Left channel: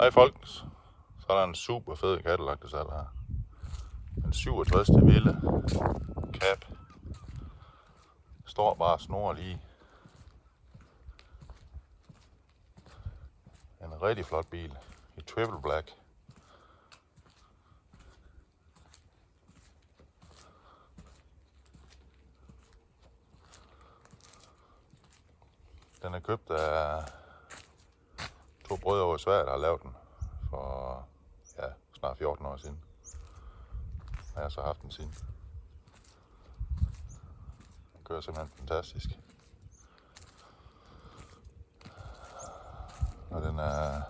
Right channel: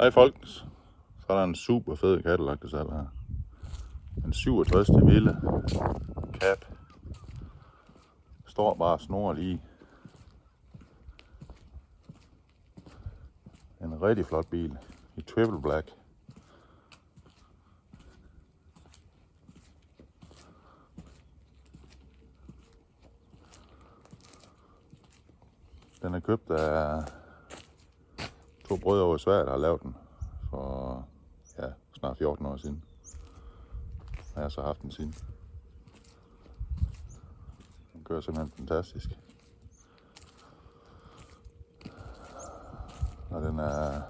Hej folks, så er der en super fed Cadillac til salg her. En 67 lille Cab. Står bare snor lige. En rigtig flot bil i triple black. Den er købt af to brødre over i Sverige, der har lavet den for snart 14 år siden. Jeg har så haft den siden. Den kører simpelthen fantastisk. Og den har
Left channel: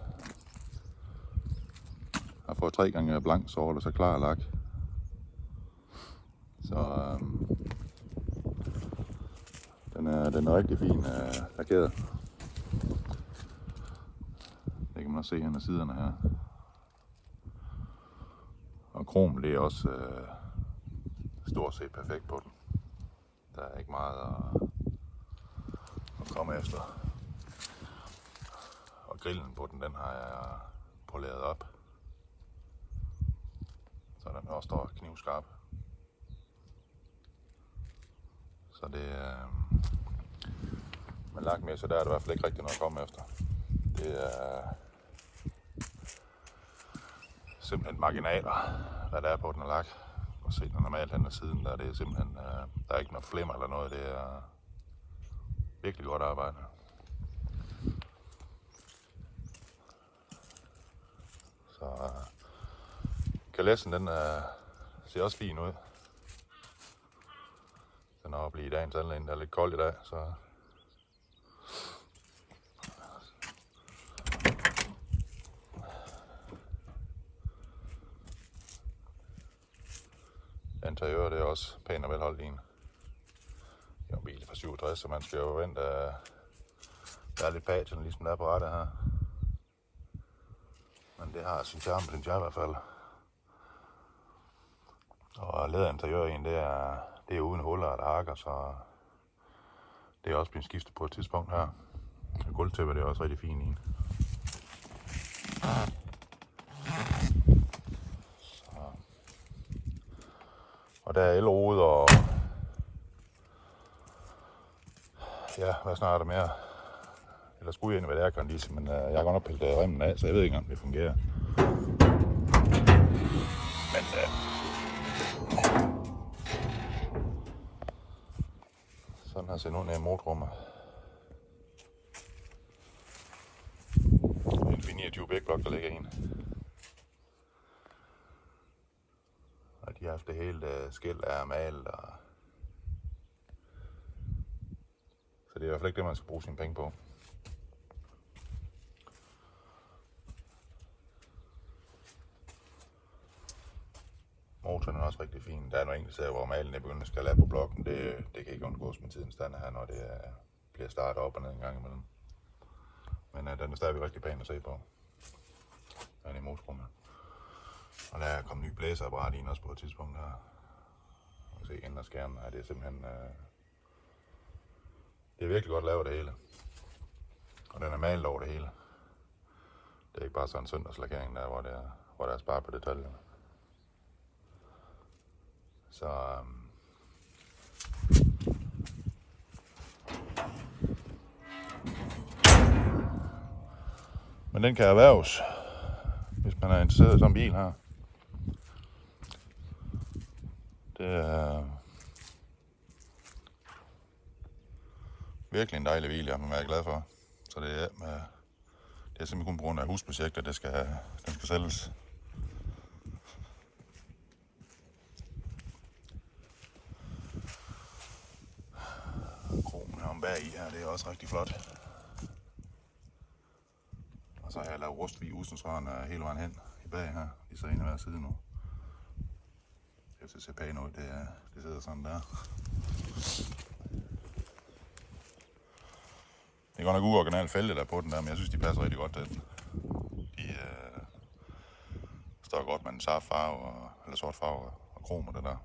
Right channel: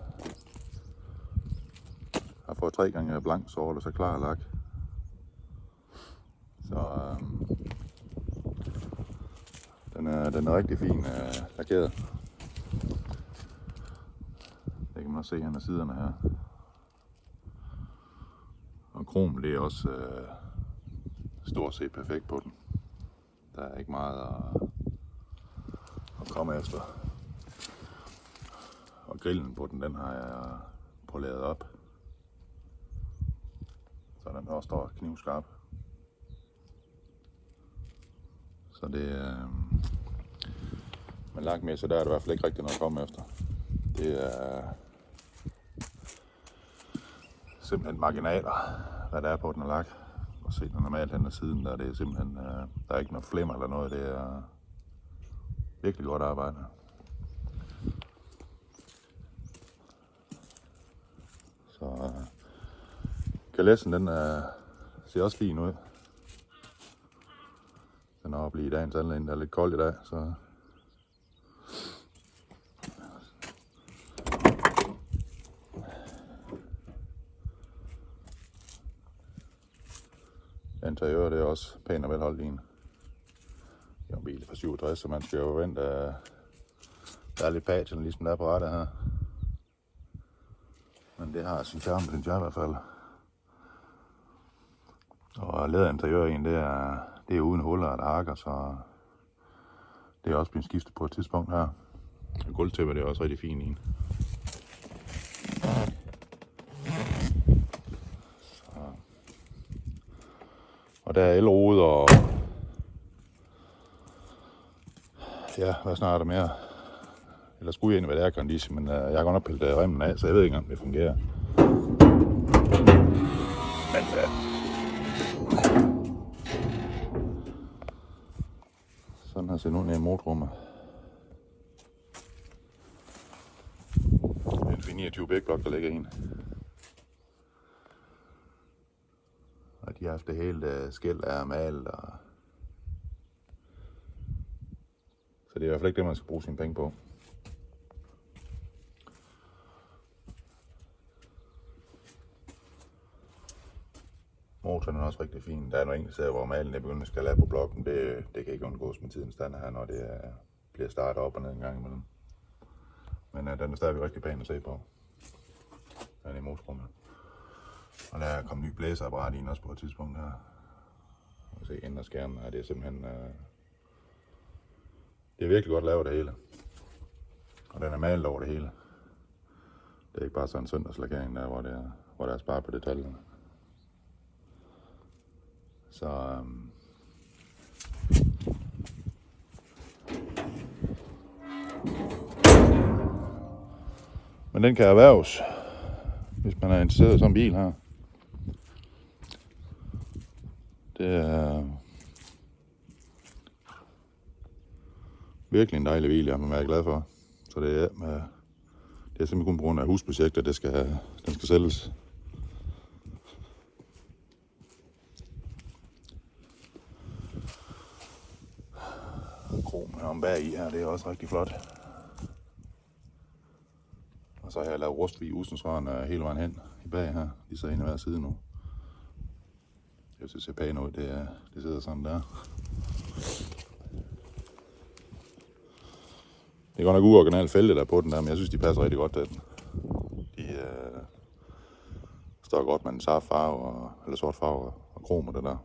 fået 3 gange blank sort og så klar lak. Så den er rigtig fin lakeret. Det kan man også se her med siderne her. Og krom, det er også stort set perfekt på den. Der er ikke meget at komme efter. Og grillen på den har jeg poleret op. Så den også står knivskarp. Så det med lakmæssigt, der er det i hvert fald ikke rigtig noget at komme efter. Det er simpelthen marginaler, hvad der er på den og lak. Og se den normalt hen ad siden, der er det simpelthen, der er ikke noget flimmer eller noget, det er virkelig godt arbejde. Så kalessen, den ser også fin ud. Den er oppe lige i dagens anledning, der er lidt koldt i dag, så interiøret er også pænt og velholdt lige. Det er en bil fra 67, så man skal jo vente, der er lidt patchen, ligesom der er på rettet her. Men det har sin charme, synes jeg i hvert fald. Og læderinteriør i det er uden huller og hakker, så det er også blevet skiftet på et tidspunkt her. Gulvtæppet er også rigtig fint i. Og der er elrude og ja, hvad snart er der mere? Eller skulle jeg egentlig være aircondition, men jeg har godt nok pillet remmen af, så jeg ved ikke, om det fungerer. Men sådan har set ud i en motorrummet. En 29 big block, der ligger i en. Og de har haft det hele skæld af malet. Så det er i hvert fald ikke det, man skal bruge sine penge på. Motoren er også rigtig fin. Der er nogle enkelte steder, hvor malen er begyndt at skal lade på blokken. Det kan ikke undgås med tidens stand her, når det bliver startet op og ned en gang imellem. Men den er stadigvæk rigtig pæn at se på. Den er i motorrummet. Og der er kommet ny blæseapparat i også på et tidspunkt her. Man kan se indre skærmen her, det er simpelthen det er virkelig godt lavet det hele. Og den er malet over det hele. Det er ikke bare sådan en søndagslakering der, hvor der er sparet på detaljerne. Så men den kan erhverves, hvis man er interesseret i sådan en bil her. Det er virkelig en dejlig bil, jeg er meget glad for. Så det er simpelthen kun på grund af husprojekter, den skal sælges. Kronen om bag i her, det er også rigtig flot. Og så har jeg lavet rustfri usensvarende hele vejen hen i bag her. De sidder en af hver side nu. Jeg synes, det ser pænt ud. Det sidder sådan der. Det er godt nok uoriginalt fælde der på den der, men jeg synes, de passer rigtig godt til den. De står godt med en sart farve, eller sort farve og krom og det der.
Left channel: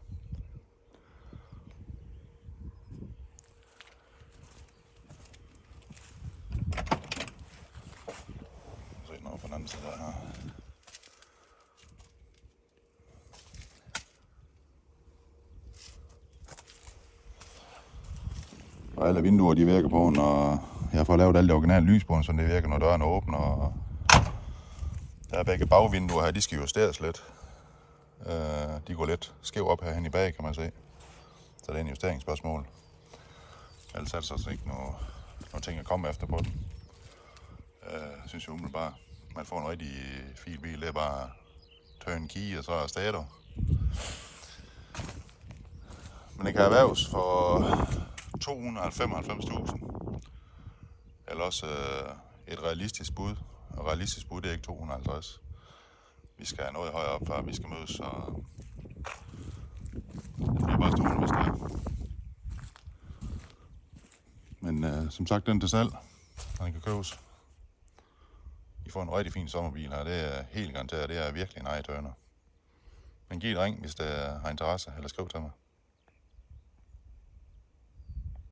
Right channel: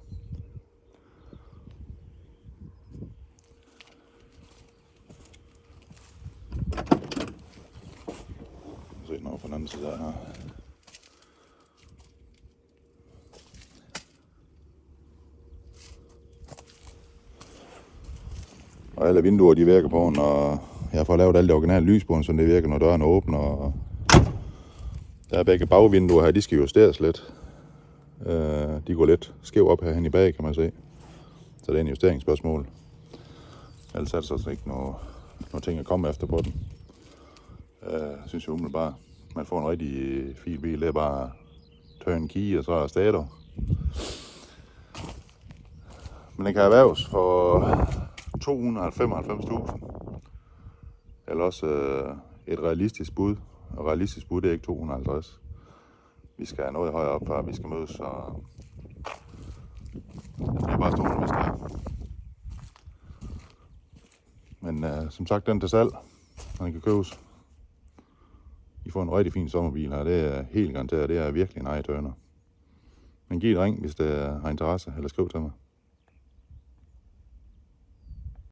Se den over på den bremse der her. Og alle vinduer de virker på, når jeg får lavet alt det originale lys på, så det virker, når døren åbner. Og der er begge bagvinduer her, de skal justeres lidt. De går lidt skæv op herhen i bag, kan man se. Så det er en justeringsspørgsmål. Ellers er det så ikke noget ting at komme efter på den. Synes jeg umiddelbart, man får en rigtig fin bil. Det er bare turn key og så er stator. Men den kan erhverves for 295.000. Eller også et realistisk bud. Og realistisk bud det er ikke 250. Vi skal have noget højere op, før vi skal mødes. Og det bliver bare stående, hvis det er. Men som sagt, den til salg. Den kan købes. I får en rigtig fin sommerbil her. Det er helt garanteret. Det er virkelig en ej-tørner. Men giv et ring, hvis det har interesse, eller skriv til mig.